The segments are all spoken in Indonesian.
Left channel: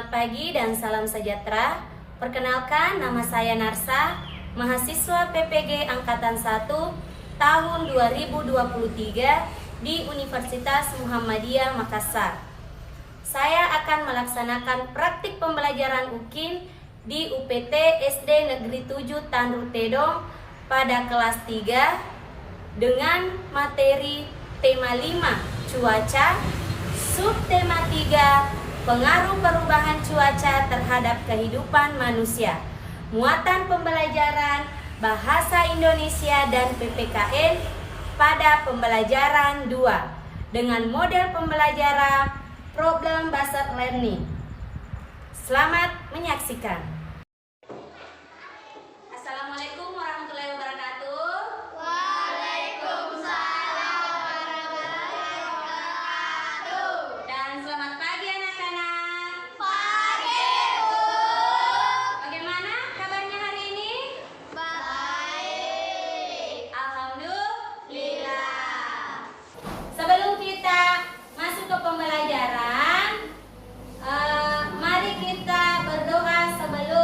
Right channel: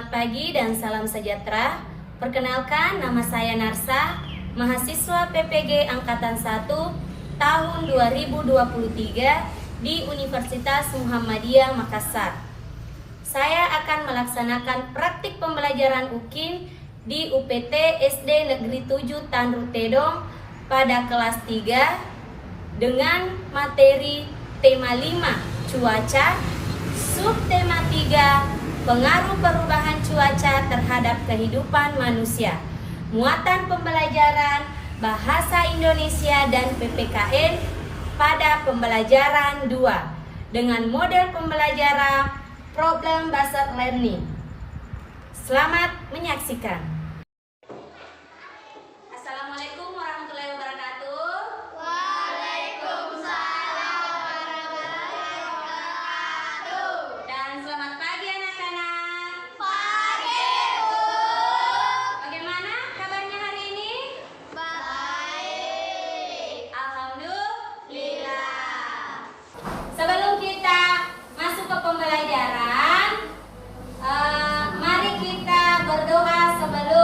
Selamat pagi dan salam sejahtera. Perkenalkan, nama saya Narsa, mahasiswa PPG Angkatan 1 tahun 2023 di Universitas Muhammadiyah Makassar. Saya akan melaksanakan praktik pembelajaran UKIN di UPT SD Negeri 7 Tandru Tedong pada kelas 3 dengan materi tema 5 cuaca, subtema 3 pengaruh perubahan cuaca terhadap kehidupan manusia. Muatan pembelajaran Bahasa Indonesia dan PPKN pada pembelajaran 2 dengan model pembelajaran Problem Based Learning. Selamat menyaksikan. Assalamualaikum warahmatullahi wabarakatuh. Dan selamat pagi anak-anak. Pagi, Bu. Bagaimana kabarnya hari ini? Baik. Alhamdulillah. Sebelum kita masuk ke pembelajaran, mari kita berdoa sebelum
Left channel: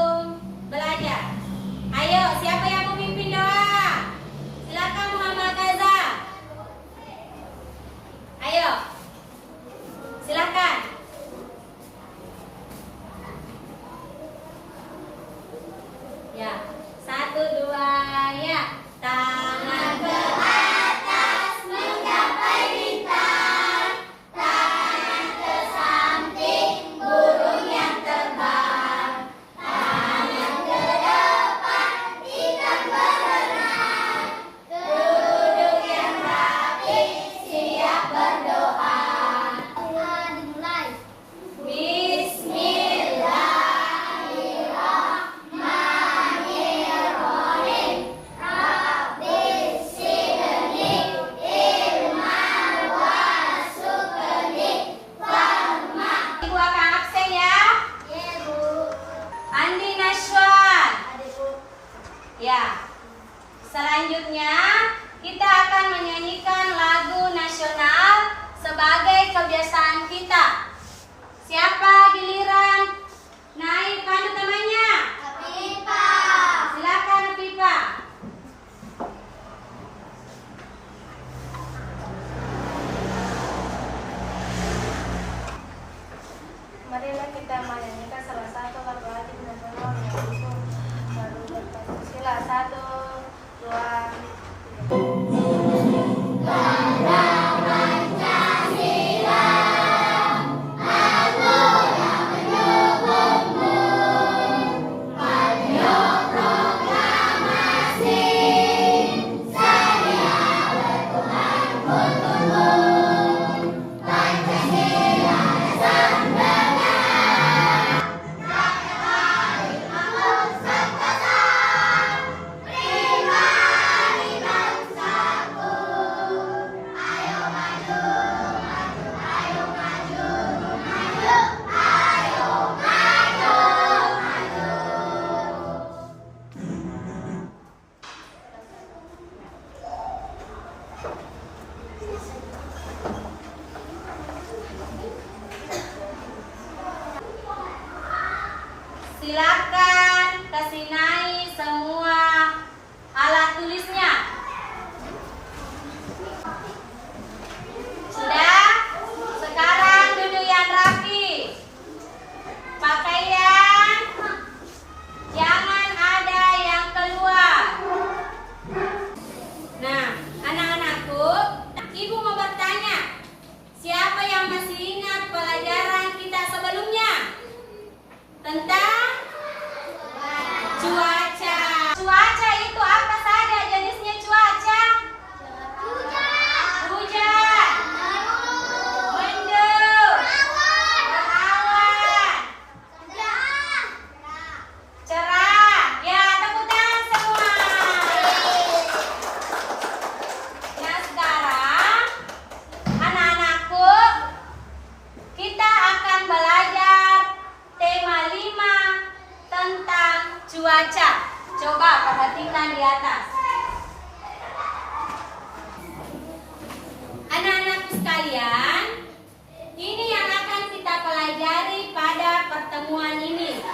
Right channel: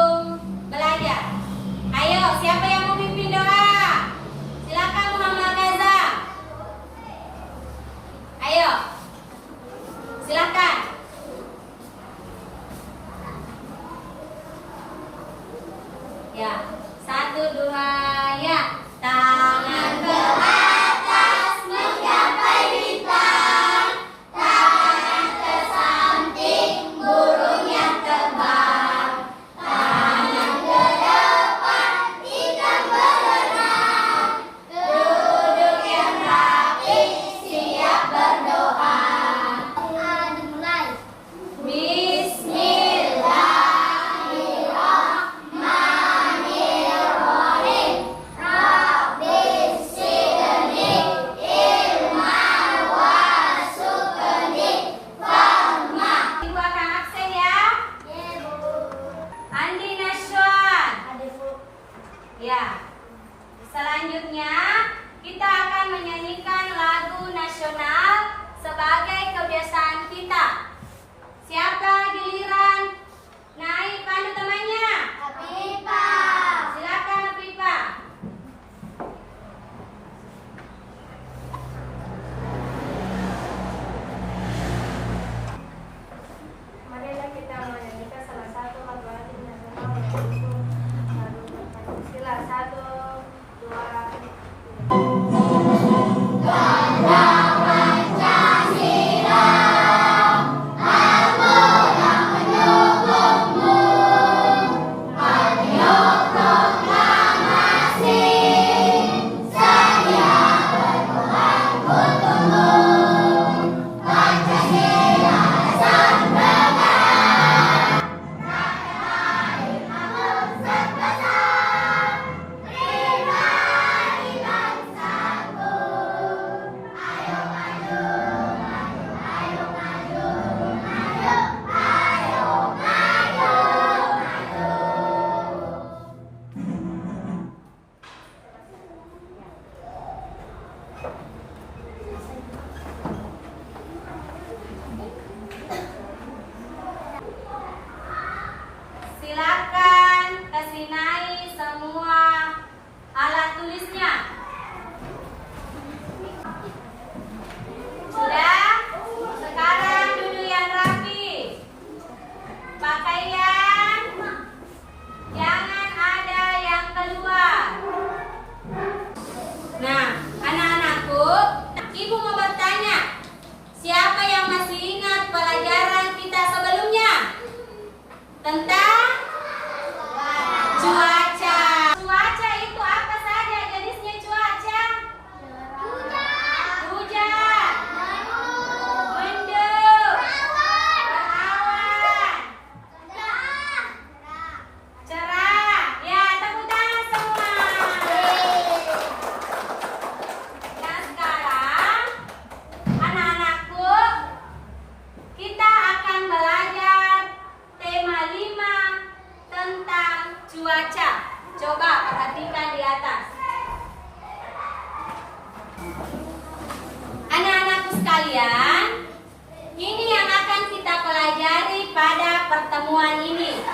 pertemuan ini.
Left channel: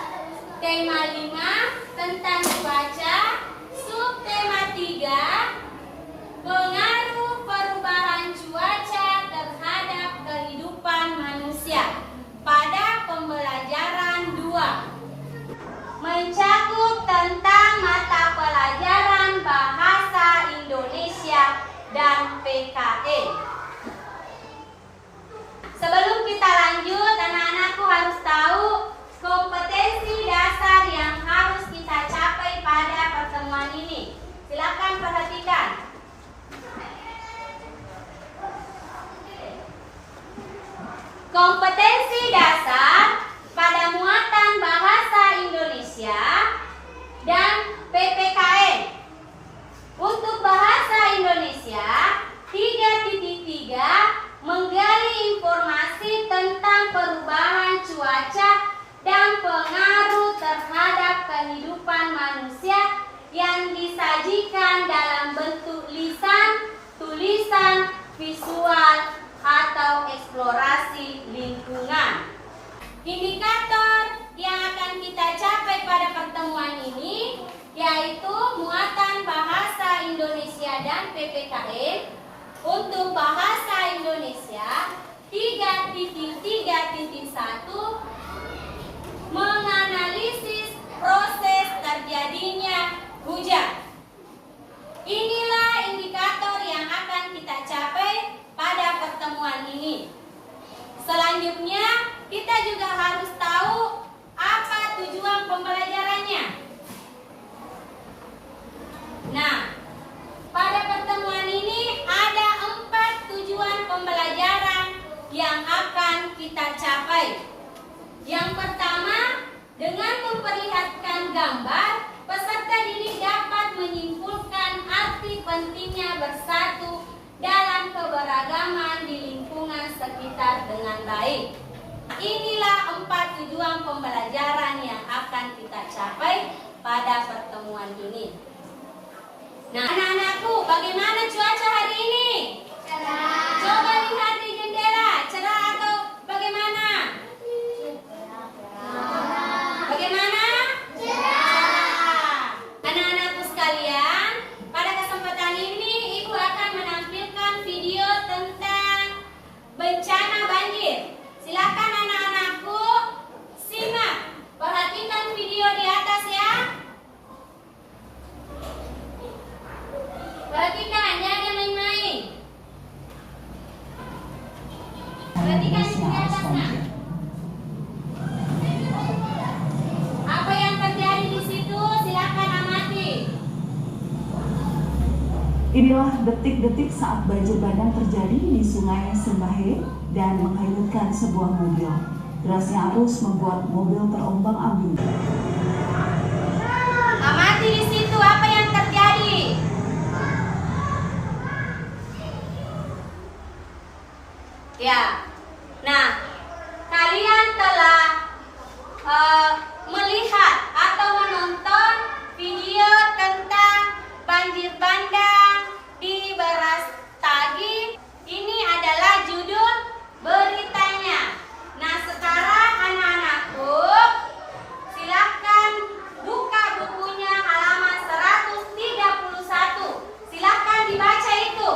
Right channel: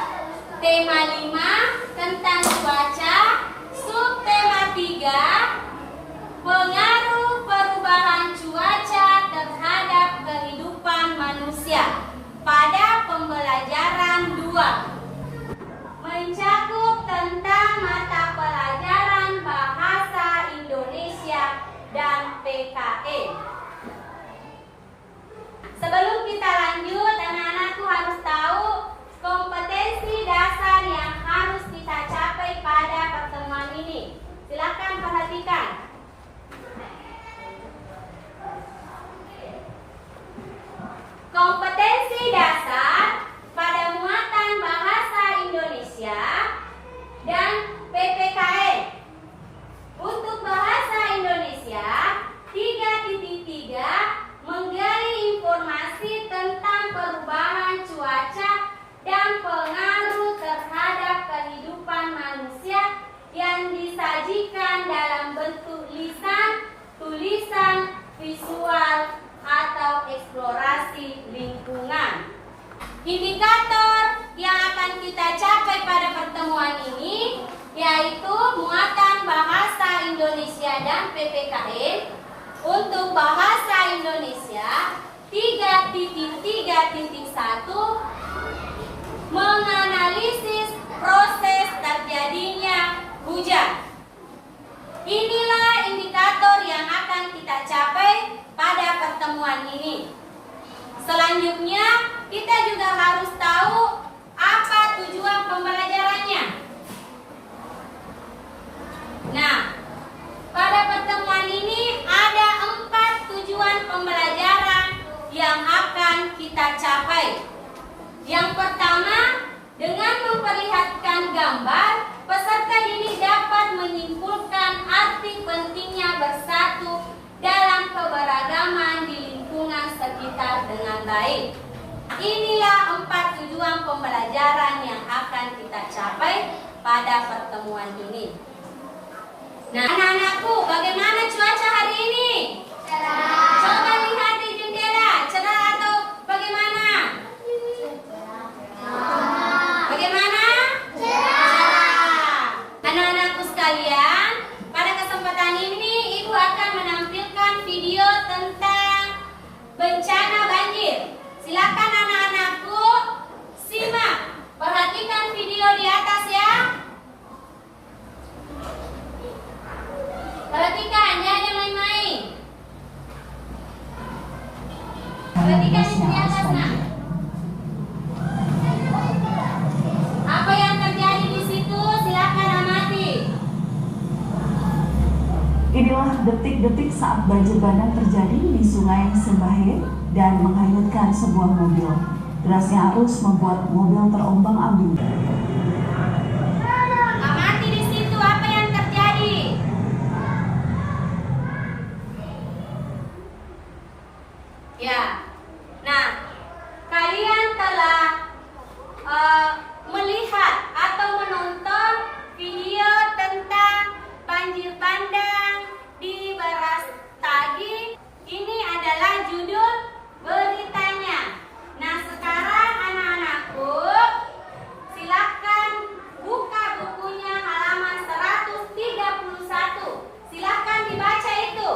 Tema 5 tentang cuaca, subtema 3 pengaruh perubahan cuaca terhadap kehidupan manusia pada pembelajaran 2. Mencakup tentang mata pelajaran Bahasa Indonesia dan PKN. Sebelum kita lanjut, anak-anakku harus tahu kompetensi dasar yang harus kita capai pada pertemuan ini. Silakan perhatikan. Kompetensi dasar pada muatan Bahasa Indonesia dan PPKN. Untuk Bahasa Indonesia 3.3 menggali informasi tentang perubahan cuaca dan pengaruh terhadap kehidupan manusia yang disajikan dalam bentuk lisan, tulisan, visual, atau eksplorasi lingkungan. Indikator yang akan kita capai pada pertemuan ini yaitu muatan Bahasa Indonesia dan PPKN. Untuk Bahasa Indonesia 3.3.1 menganalisis proses terjadinya hujan. Inilah indikator yang akan kita capai pada pertemuan ini. Selanjutnya, kita juga harus tahu apa tujuan pembelajarannya. Nah, pada pertemuan ini ada 4 tujuan pembelajaran yang akan kita capai. Yang pertama, dengan memperlihatkan gambar, peserta didik dapat menyimpulkan arti pentingnya bersatu dalam keberagaman di lingkungan sekitar dengan baik. Inilah 4 tujuan pembelajaran yang akan kita capai pada pertemuan ini. Nah, anak-anakku, bagaimana cuaca hari ini? Cerah. Coba lihat di jendela, cerah atau bagaimana? Cerah. Bagaimana? Cerah. Anak-anakku sekalian, pada kesempatan ini Ibu akan menampilkan video tentang bencana banjir. Silakan anak-anakku simak. Perhatikan video di atas ya. Perhatikan, jangan main-main. Perhatikan di atas, nak. Apa yang terjadi di situ? Silakan amati. Inilah detik-detik saat banjir bandang terjadi di Sungai Sembahe dan menghanyutkan sebuah mobil. Derasnya arus membuat mobil terombang-ambing. Amati di situ apa yang terjadi. Ya, nah, kalian telah melihat atau menonton video tentang banjir bandang di Brastagi. Ini adalah judul beritanya. Nah, sekarang anak-anakku, silahkan buka bukunya halaman 131. Silahkan dibaca itu.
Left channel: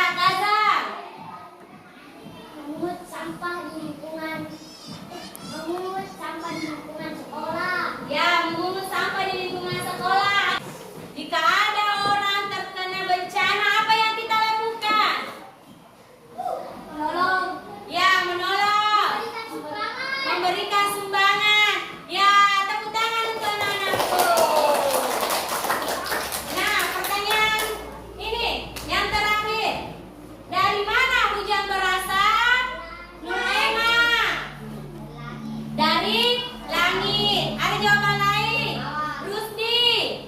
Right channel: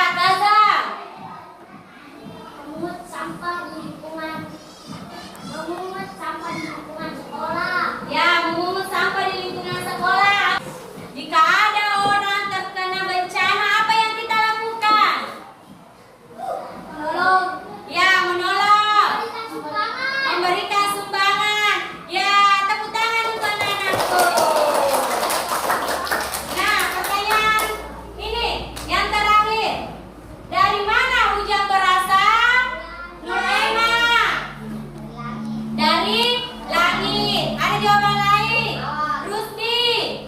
Ya, Gaza. Memungut sampah di lingkungan. Memungut sampah di lingkungan sekolah. Ya, memungut sampah di lingkungan sekolah. Jika ada orang terkena bencana, apa yang kita lakukan? Menolong. Ya, menolong. Memberikan sumbangan. Memberikan sumbangan. Ya, tepuk tangan untuk anak-anakku. Nah, pertanyaan ini yang terakhir. Dari mana hujan berasal? Nur Ema. Dari langit. Ada jawaban lain? Rusdi.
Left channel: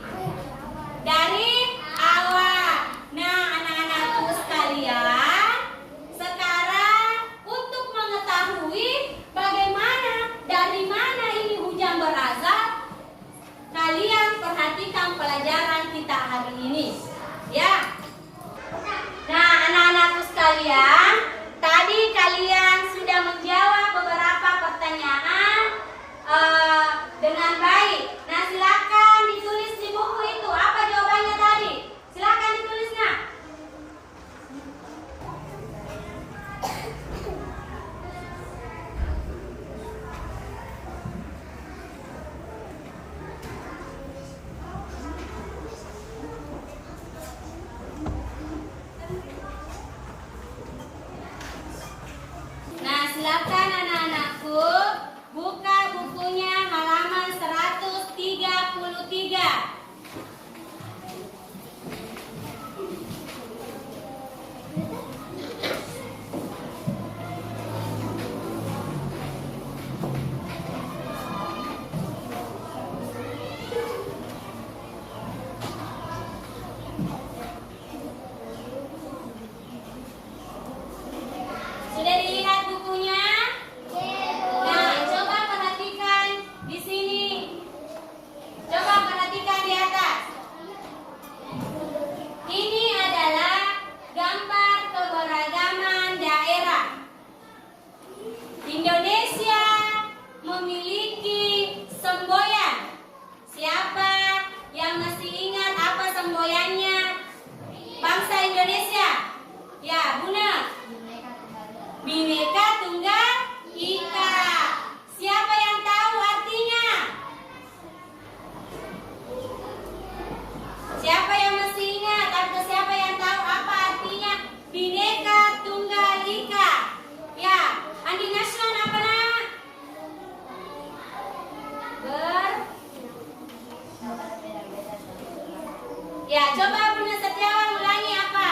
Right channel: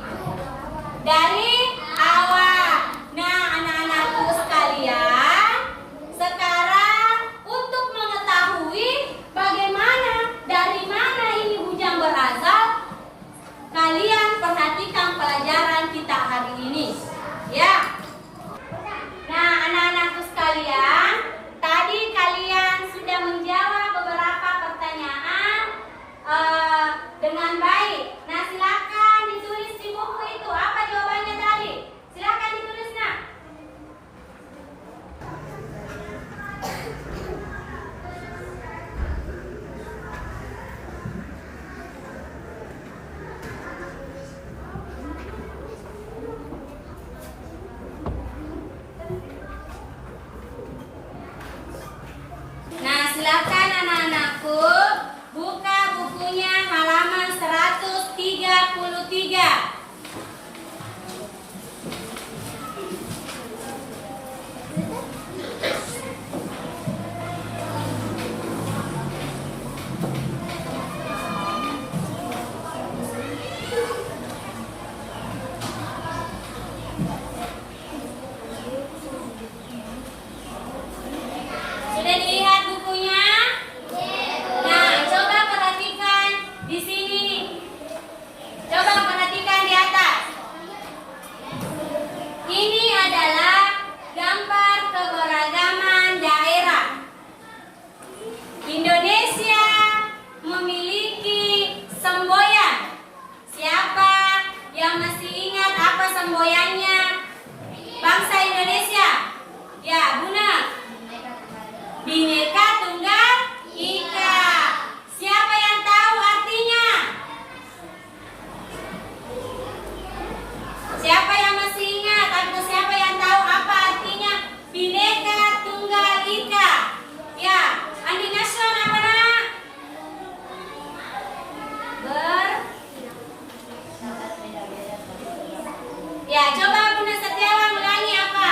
Dari awan. Nah, anak-anakku sekalian, sekarang untuk mengetahui bagaimana, dari mana ini hujan berasal, kalian perhatikan pelajaran kita hari ini. Ya. Nah, anak-anakku sekalian, tadi kalian sudah menjawab beberapa pertanyaan dengan baik. Nah, silakan ditulis di buku itu. Apa jawabannya tadi? Silakan ditulis, nak. Nah, silakan anak-anakku buka bukunya halaman 133. Sudah dilihat bukunya? Nah, coba perhatikan di sini. Coba perhatikan di atas. Ini adalah gambar keberagaman daerah. Indonesia memiliki semboyan. Siapa yang masih ingat apa semboyannya? Bangsa Indonesia. Ya, benar. Bhinneka Tunggal Ika. Siapa yang tahu artinya? Siapa yang masih ingat atau siapa yang tahu apa artinya Bhinneka Tunggal Ika? Ya, Andi Nation apa nak? Ya, coba Bunda Setiawan ulangi apa?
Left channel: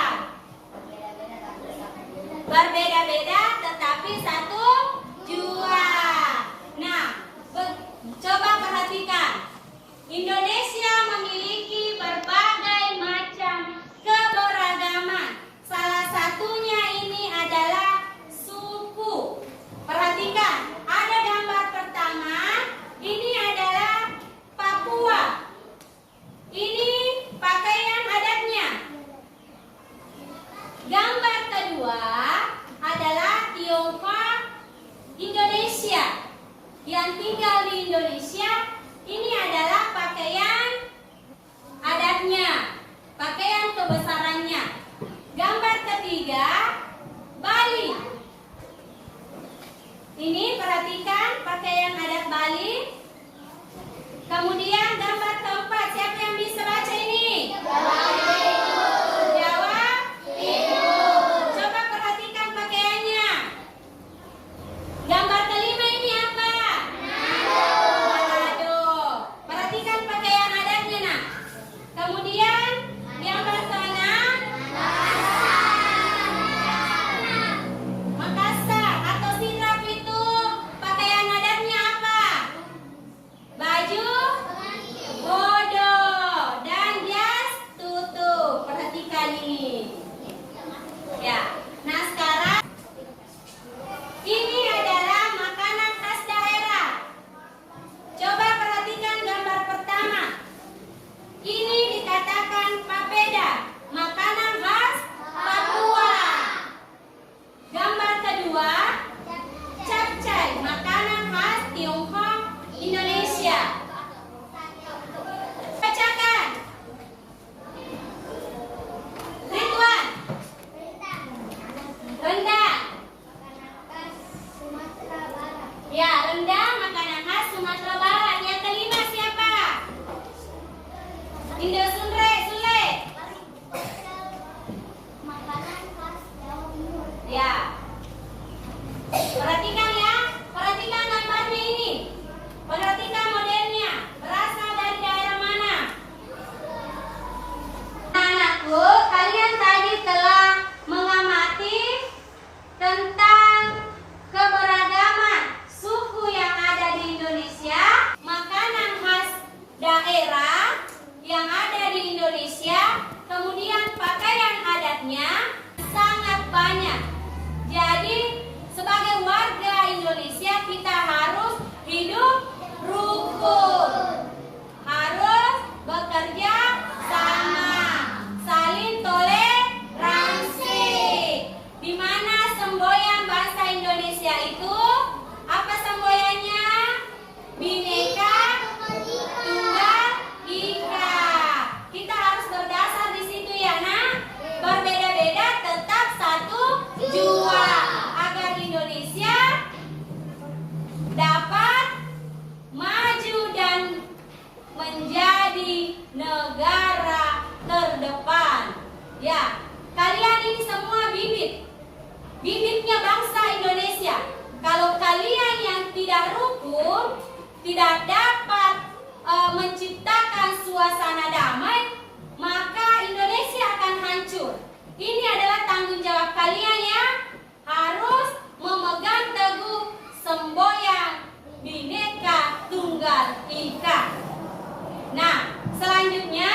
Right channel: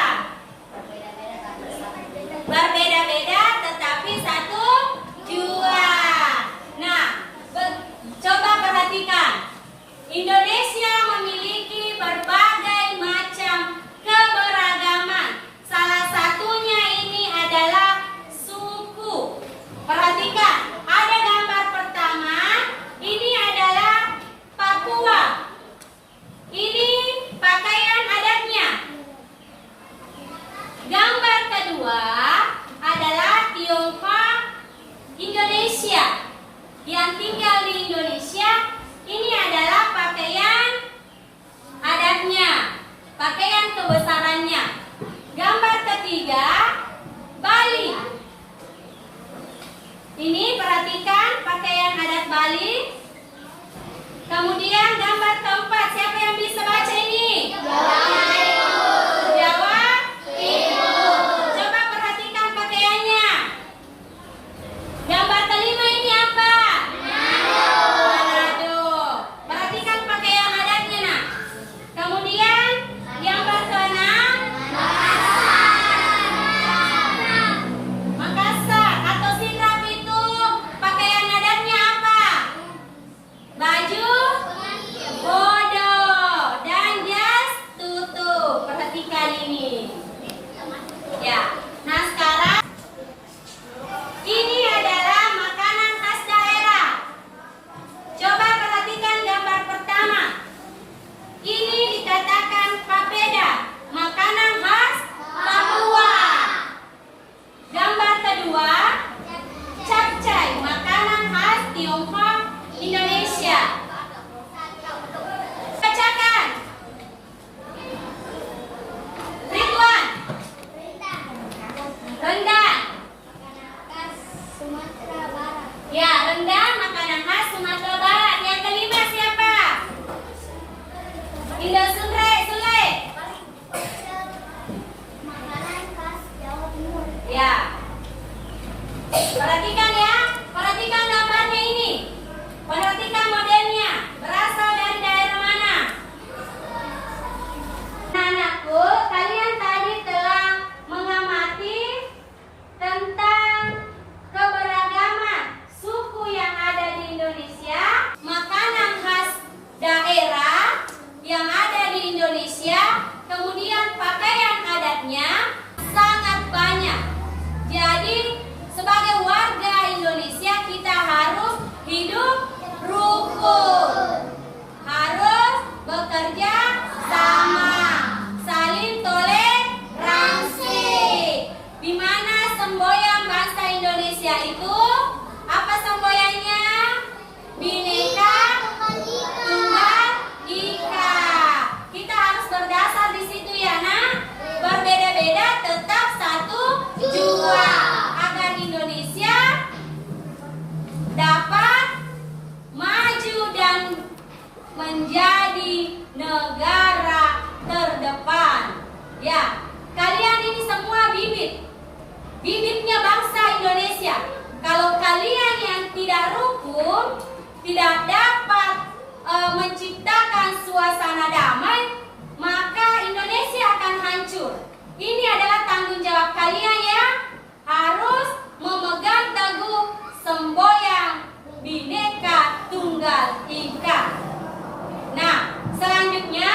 Berbeda-beda tetapi satu jua. Nah, coba perhatikan. Indonesia memiliki berbagai macam keberagaman. Salah satunya ini adalah suku. Perhatikan, ada gambar pertama. Ini adalah Papua. Ini pakaian adatnya. Gambar kedua adalah Tiongkok Indonesia. Yang tinggal di Indonesia, ini adalah pakaian adatnya, pakaian kebesarannya. Gambar ketiga, Bali. Ini perhatikan pakaian adat Bali. Kemudian gambar keempat, siapa yang bisa baca ini? Jawa Timur. Coba perhatikan pakaiannya. Gambar kelima ini apa? Manado. Perhatikan pakaian adatnya, nak. Kemudian gambar keenam, tidak dapat menciptakan suasana damai, maka Indonesia akan hancur. Ini adalah tanggung jawab kalian ya, harus memegang teguh semboyan Bhinneka Tunggal Ika. Nah, selanjutnya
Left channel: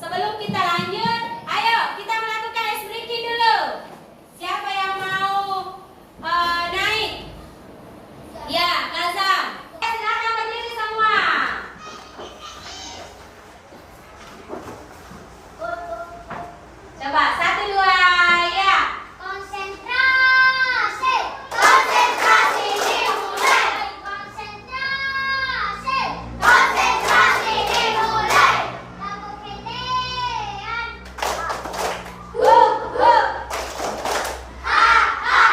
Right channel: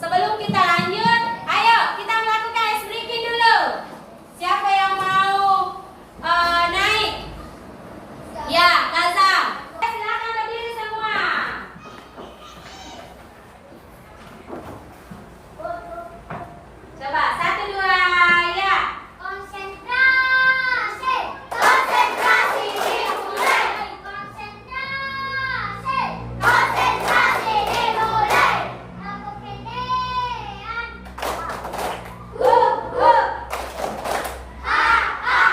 sebelum kita lanjut, ayo kita melakukan ice breaking dulu. Siapa yang mau naik? Ya, Kazam. Silakan berdiri semua. Coba 1, 2, ya. Konsentrasi. Konsentrasi dimulai. Konsentrasi. Konsentrasi dimulai. Lagu kemudian. Ha ha. Ha ha.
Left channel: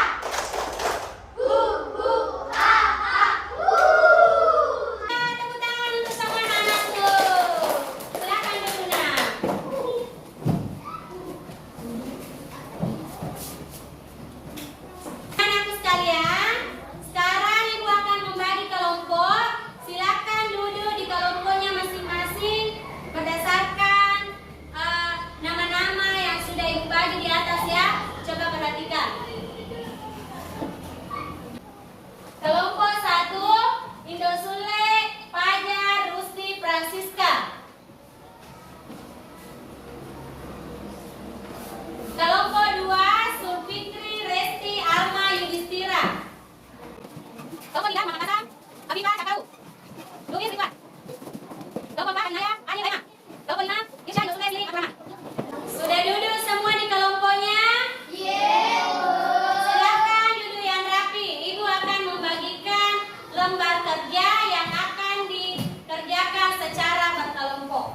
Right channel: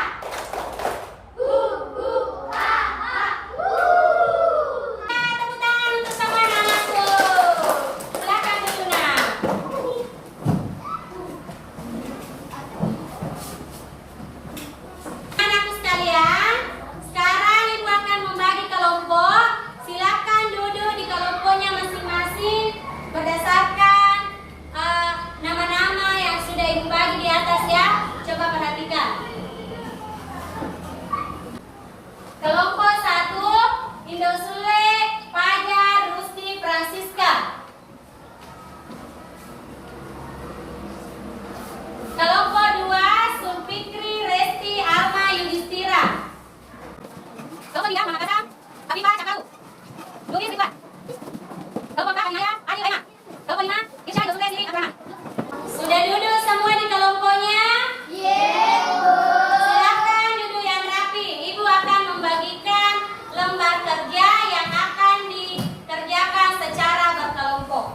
Tepuk tangan untuk sama anak-anakku. Silakan dulu, Nak. Anakku sekalian, sekarang Ibu akan membagi kelompok. Silakan duduk di kelompoknya masing-masing berdasarkan nama-nama yang sudah Ibu bagi di atas ya. Coba perhatikan. Kelompok 1, Indosule, Fajar, Rusti, Francisca. Kelompok 2, Sulfikri, Resti, Alma, Yudhistira. Kelompok 3, Muhammad Kasam, Afifah, Cakaru, Luis, Ridwan. Kelompok 4, Anaya, Ali, Rema. Kelompok 5, Irsya, Yusuf, Lili, Abdurrahman. Sudah duduk semua di kelompoknya? Silakan duduk yang rapi. Ibu akan membagikan lembar kerja yang akan dikerjakan secara berkelompok.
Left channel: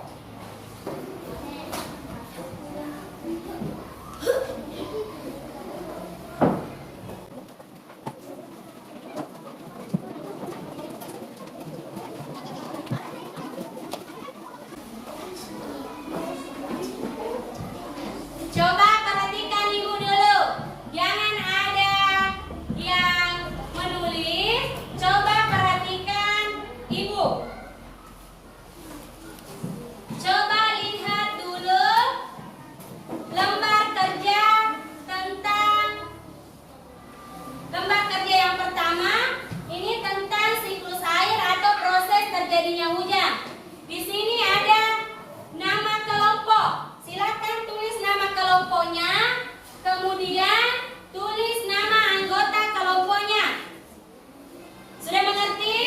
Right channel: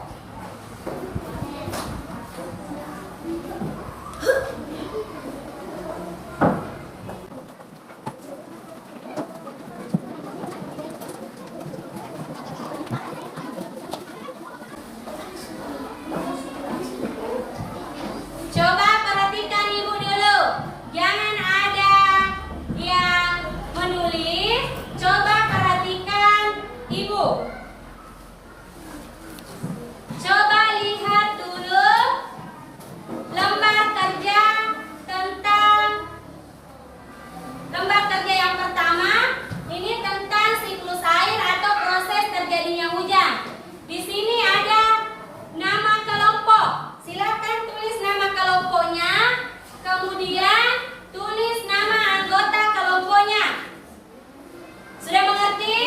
Coba perhatikan Ibu dulu. Jangan ada yang menulis. Coba perhatikan Ibu. Coba lihat dulu lembar kerja tentang lembar kerja yang pertama. Ini tentang siklus air atau proses terjadinya hujan. Di sini ada nama kelompok. Silakan tulis nama kelompoknya, kemudian tulis nama anggota kelompoknya. Sudah mengerti?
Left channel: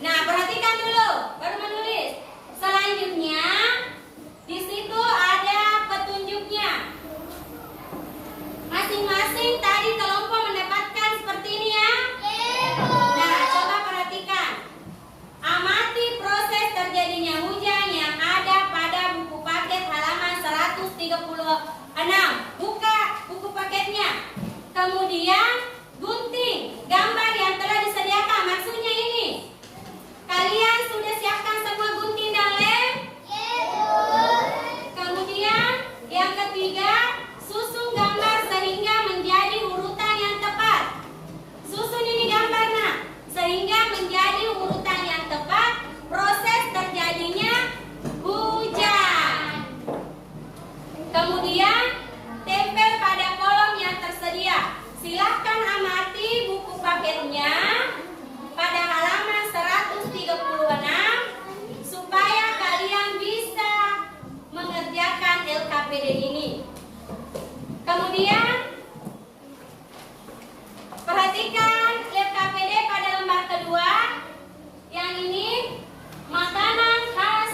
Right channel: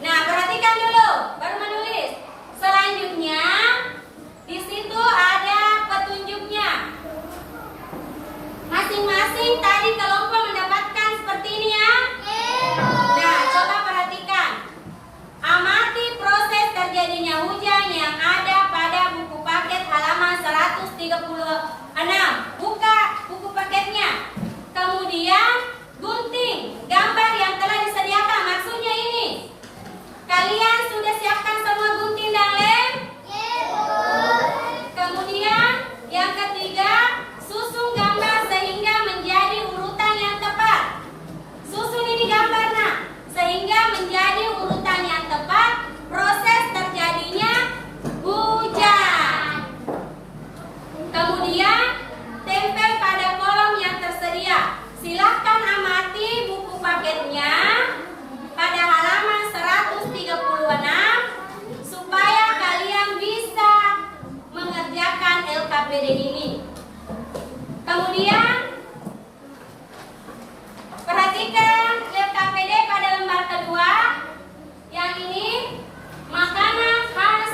Nah, perhatikan dulu, baru menulis. Selanjutnya, di situ ada petunjuknya. Masing-masing tadi kelompok mendapatkan seperti ini ya. Nah, coba perhatikan. Amati proses terjadinya hujan yang ada pada buku paket halaman 136. Buka buku paketnya. Kemudian gunting gambar yang telah disediakan. Maksudnya ini. Kalian sudah siapkan semua gunting dan lem? Kemudian yang ketiga, susun gambar sehingga menjadi urutan yang tepat. Susun ini gambarnya sehingga menjadi urutan yang tepat proses terjadinya hujan. Kemudian tempel pada kolom yang tersedia. Silahkan amati buku paketnya pada halaman 136 supaya kalian bisa mengerjakan LKPD ini. Kemudian perhatikan LKPD pada lembar kedua. Yang ini makanan khas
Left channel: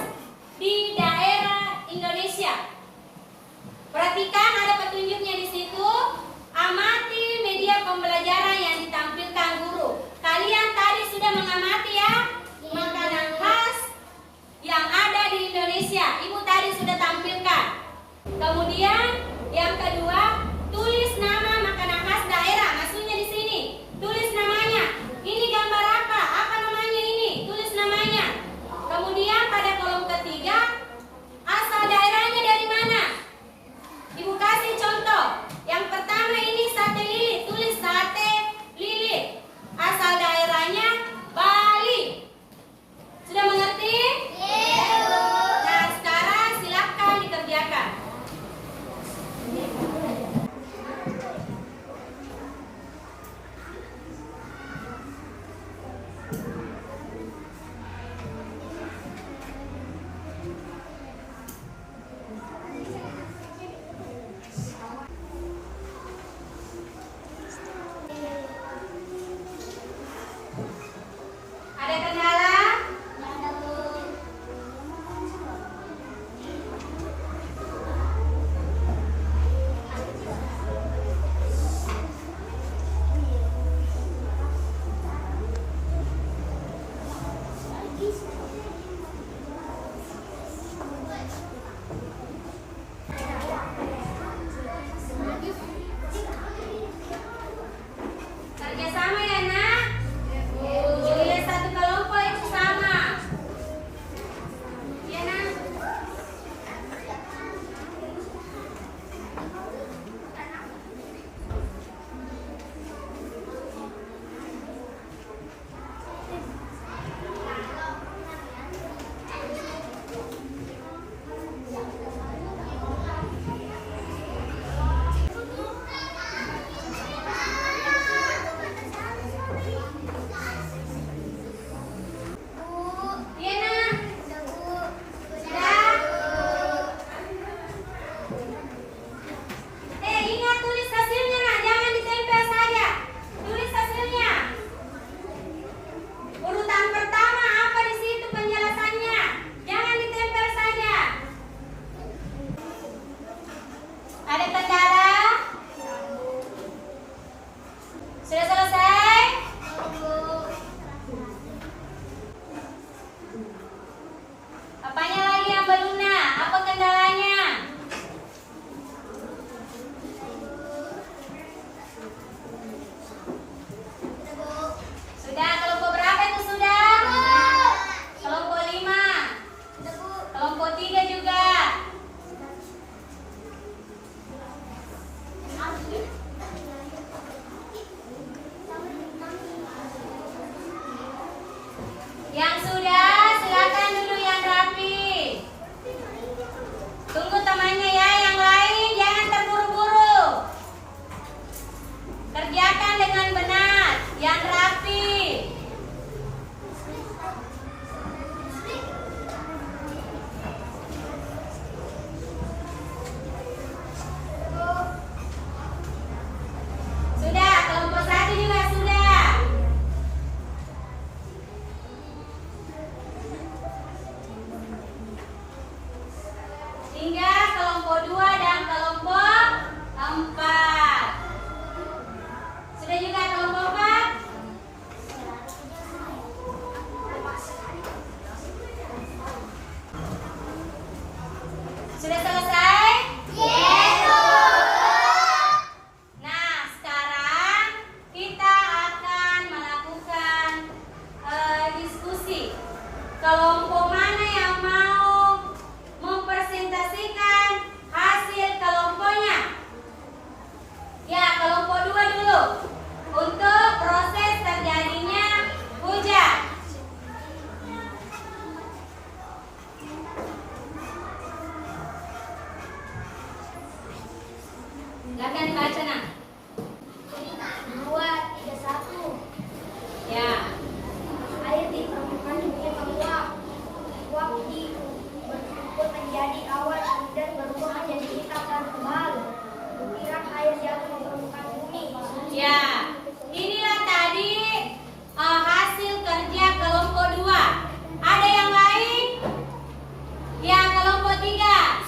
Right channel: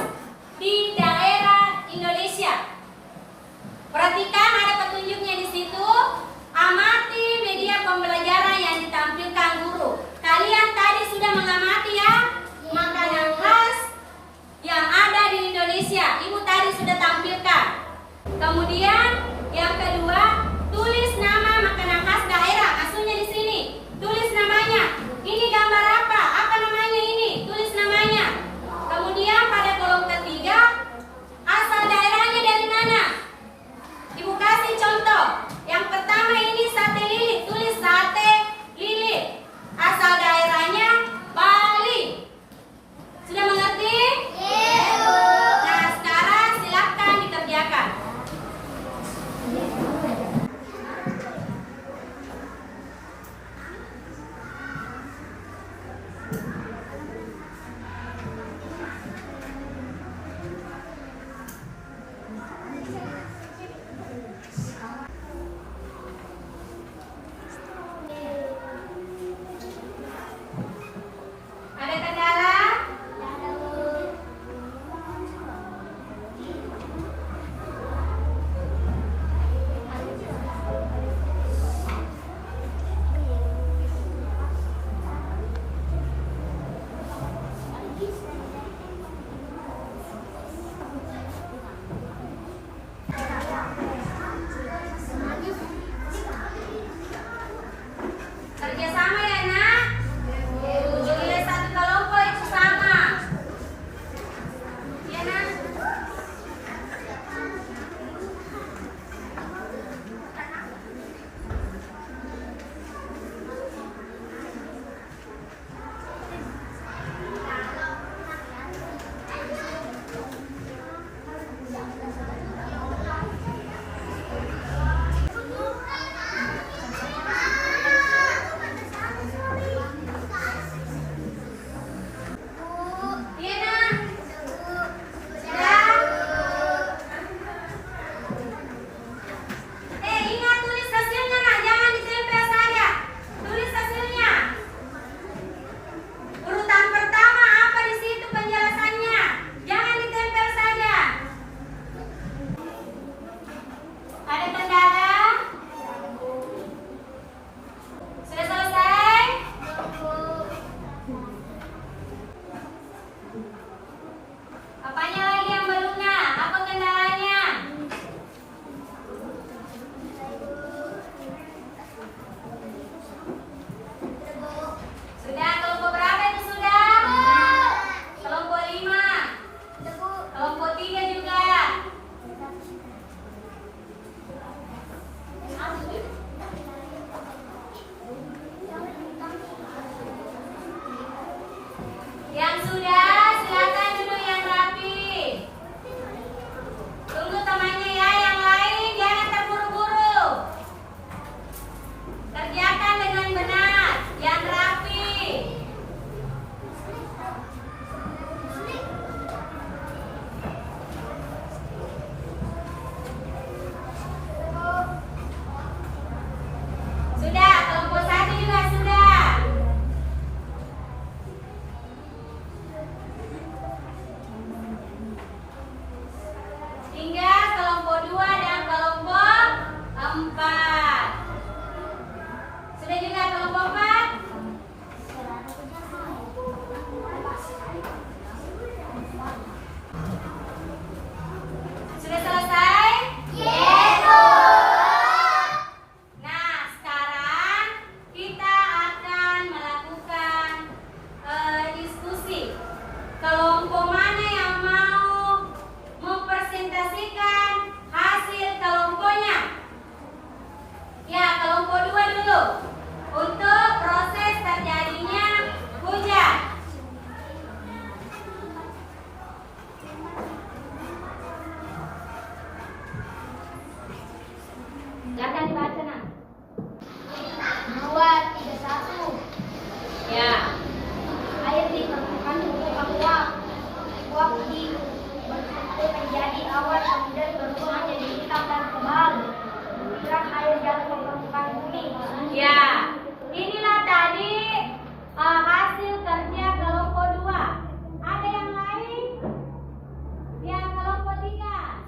di daerah Indonesia. Perhatikan ada petunjuknya di situ. Amati media pembelajaran yang ditampilkan guru. Kalian tadi sudah mengamati ya makanan khas yang ada di Indonesia. Ibu tadi sudah tampilkan. Kemudian yang kedua, tulis Senang. 2, 3, 1. Ya. Air di permukaan bumi menguap. Uap berkumpul menjadi awan, kemudian berubah menjadi hitam dan tebal. Butiran air jatuh ke permukaan bumi. Ya. Inilah tadi hasil kerja kelompok 2. Ada yang lain? Yang kelompok 3.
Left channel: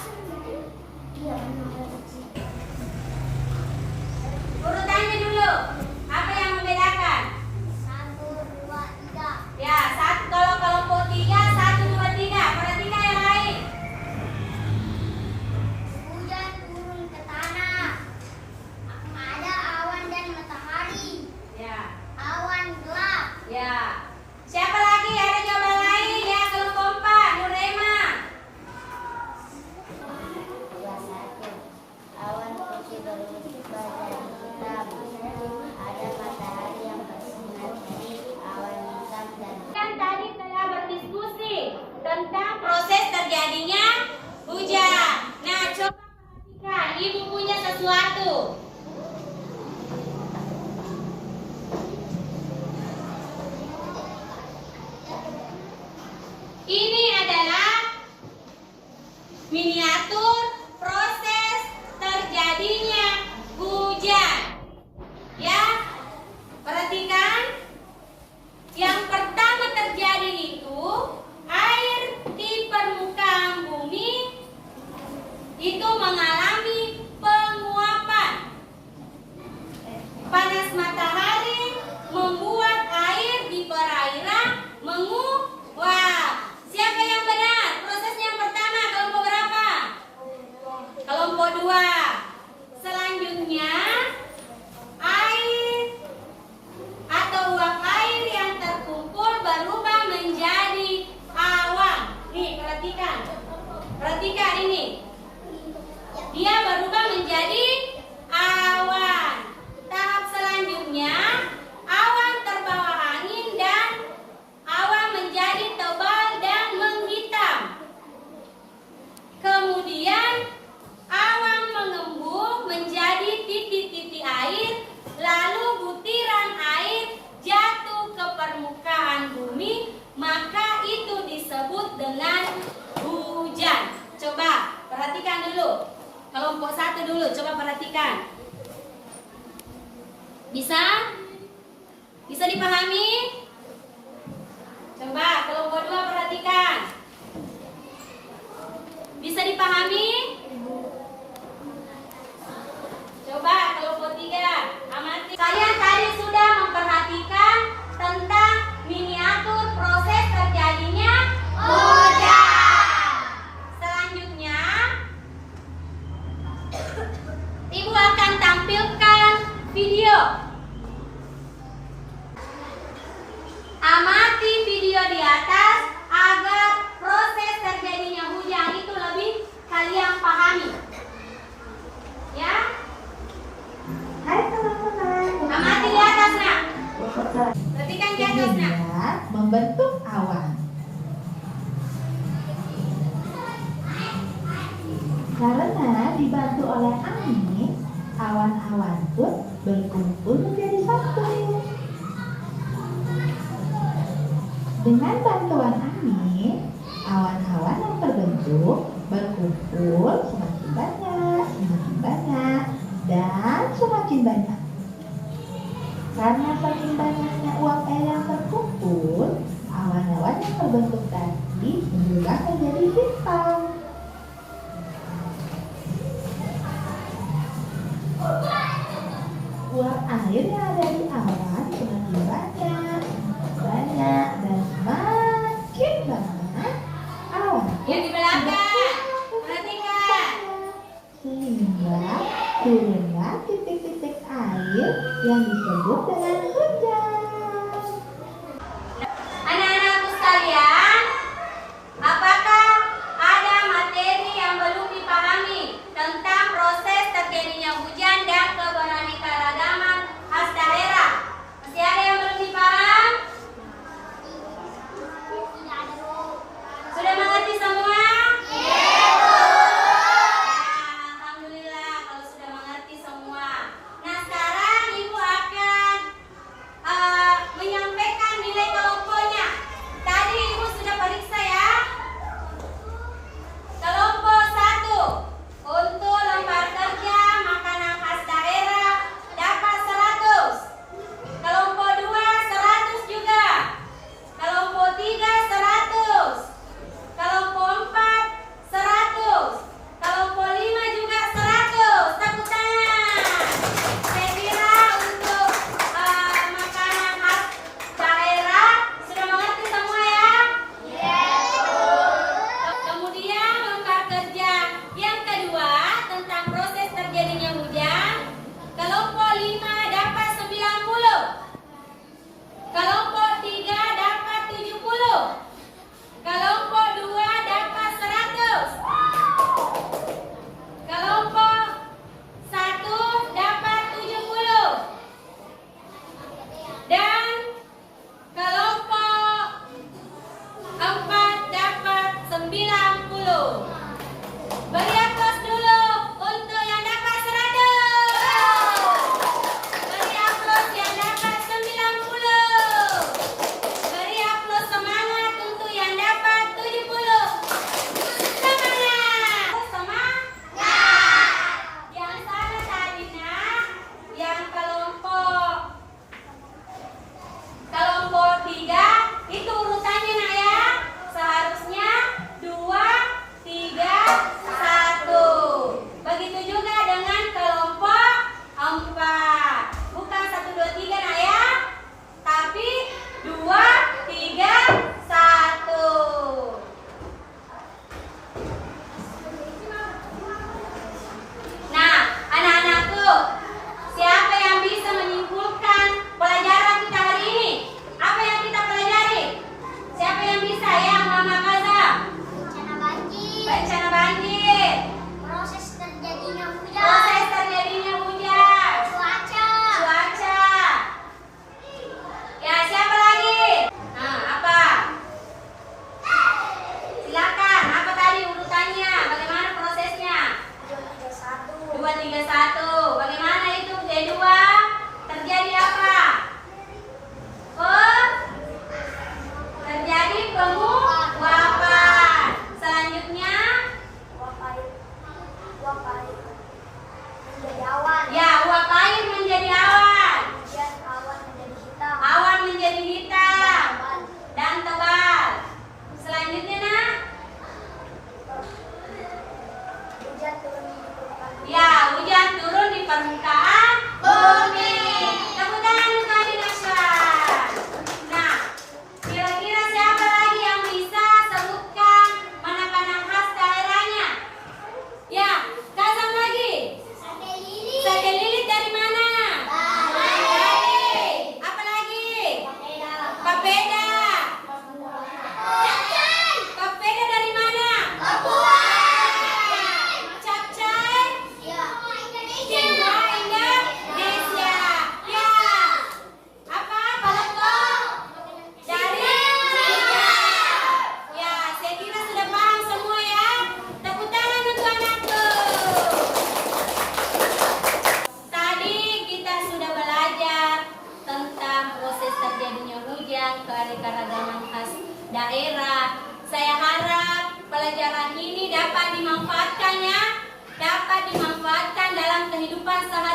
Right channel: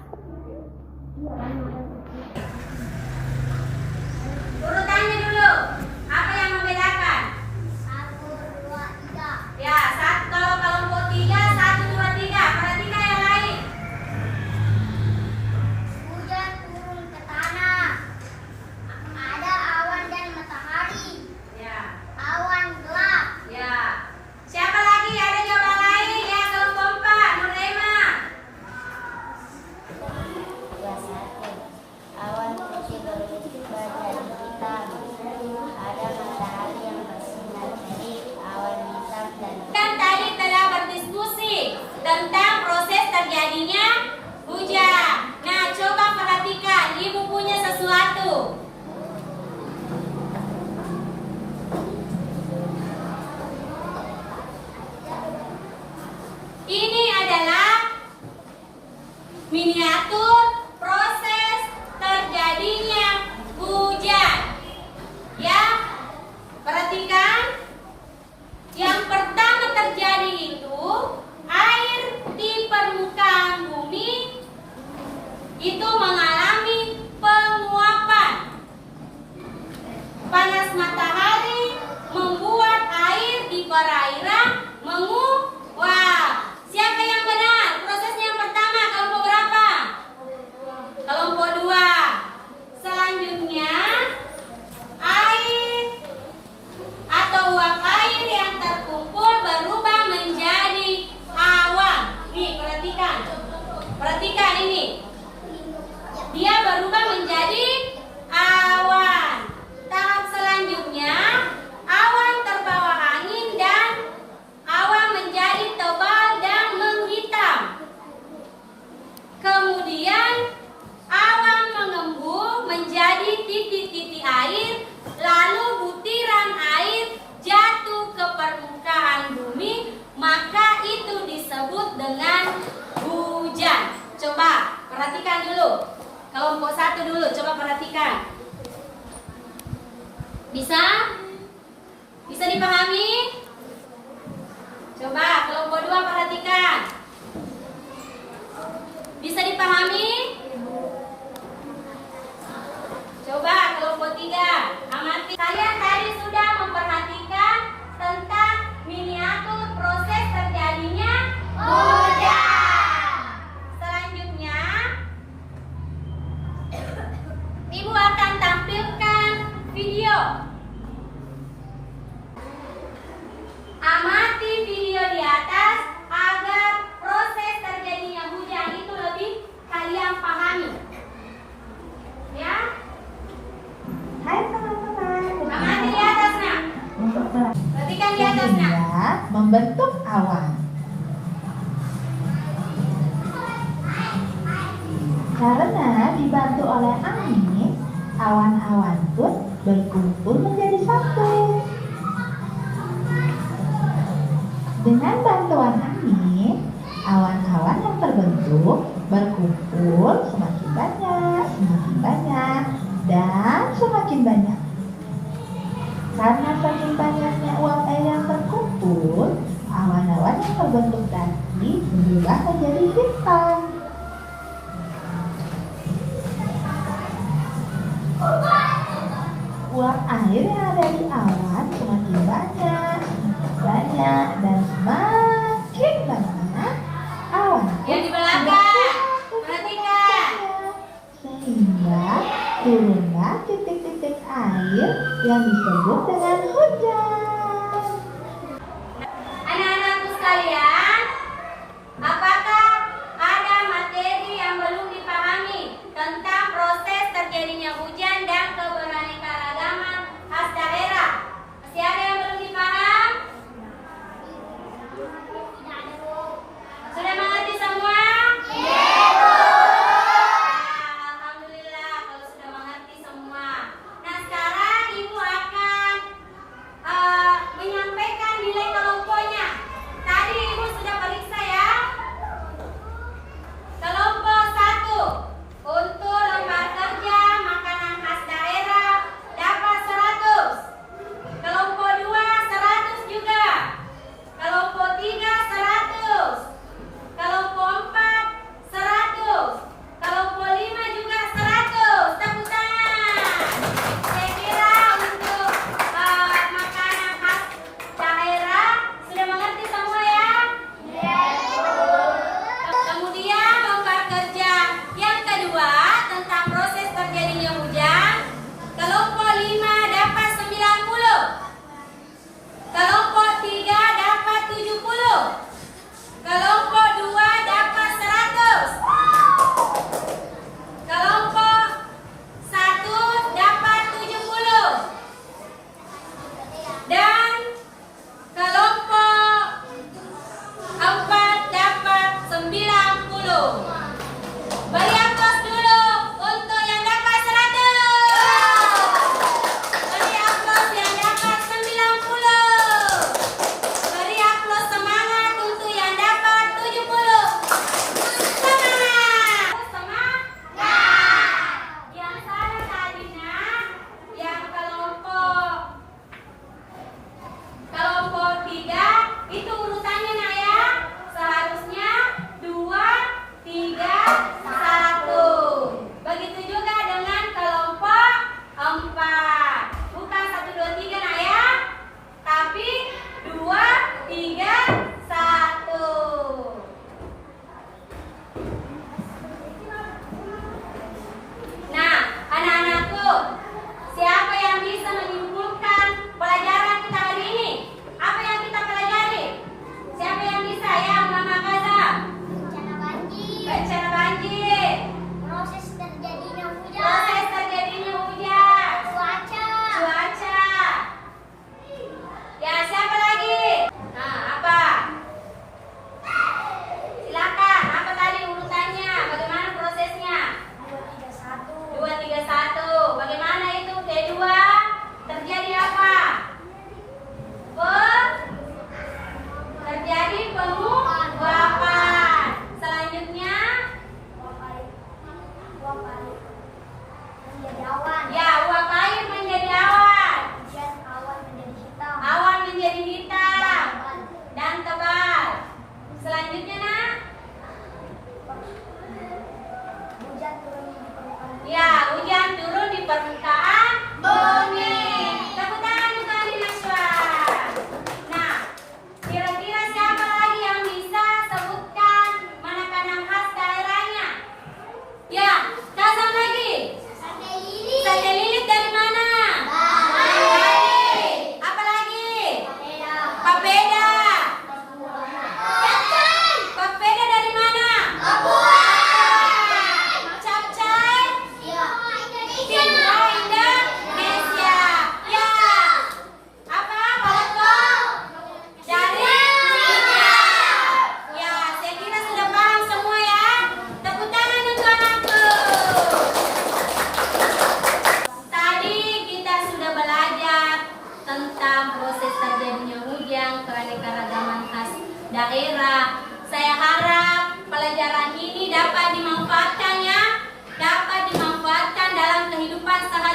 Urutannya dulu. Apa yang membedakan? 1, 2, 3. Ya, kalau kelompok 3, 1, 2, 3. Perhatikan yang lain. Hujan turun ke tanah. Ada awan dan matahari. Ya. Awan gelap. Ya. Siapa lagi? Ada jawaban lain? Ya, kelompok 4. Nurema. Ya, 1. Awan putih berubah jadi hitam. Ada matahari yang bersinar terik. Awan hitam dan Kan tadi telah berdiskusi tentang proses terjadinya hujan. Nah, coba perhatikan. Ibu punya sesuatu. Ini adalah miniatur proses terjadinya hujan. Ya, perhatikan. Yang pertama terjadi itu air di permukaan bumi itu mengalami penguapan. Panas matahari membuat air di perairan menguap. Siapa yang benar? Prosesnya yang pertama kelompok berapa? Kelompok 2. Selanjutnya air atau uap air yang terkumpul berubah menjadi awan. Nih, perhatikan. Perhatikan ini. Dia berubah menjadi awan. Tahap selanjutnya, awan terbawa angin dan awan menjadi tebal dan menghitam. Kemudian awan mengembung menjadi titik-titik air, lalu butiran air jatuh ke permukaan bumi, maka itu disebut dengan hujan. Coba perhatikan dulu. Kelompok 1 dulu, coba perhatikan. Bisa? Bisa dipahami? Coba kelompok 2 perhatikan. Bisa dipahami? Coba kelompok 3 amati. Kalian tadi sudah memperhatikan tentang miniatur proses terjadinya hujan. Selanjutnya, Ibu akan tampilkan video. Amati video di atas agar proses terjadinya hujan itu lebih kalian pahami. Ya? Hai teman-teman. Amati di atas, nak. Perhatikan di atas, nak. Sehingga membentuk awan. Karena dibantu oleh angin, awan-awan pun berkumpul menjadi satu. Dengan bantuan angin, awan-awan yang terbentuk berkumpul semakin banyak, dan semakin banyak. Karena saking banyaknya uap air yang terkumpul, awan-awan yang terbentuk tadi berubah menjadi hitam. Uap air yang ada di awan semakin banyak, dan semakin banyak awan Yang di belakang. Perhatikan. sehingga turunlah titik-titik air yang disebut dengan hujan. Anak-anakku sekalian, apakah ada materi yang belum dipahami tentang proses terjadinya hujan dan keberaneka-ragaman khas daerah? Masih ada yang belum dipaham? Sudah mengerti semua? Alhamdulillah kalau sudah mengerti semua. yang keanekaragaman khas daerah. Saya harap pelajaran ini dapat dimanfaatkan dalam kehidupan sehari-hari.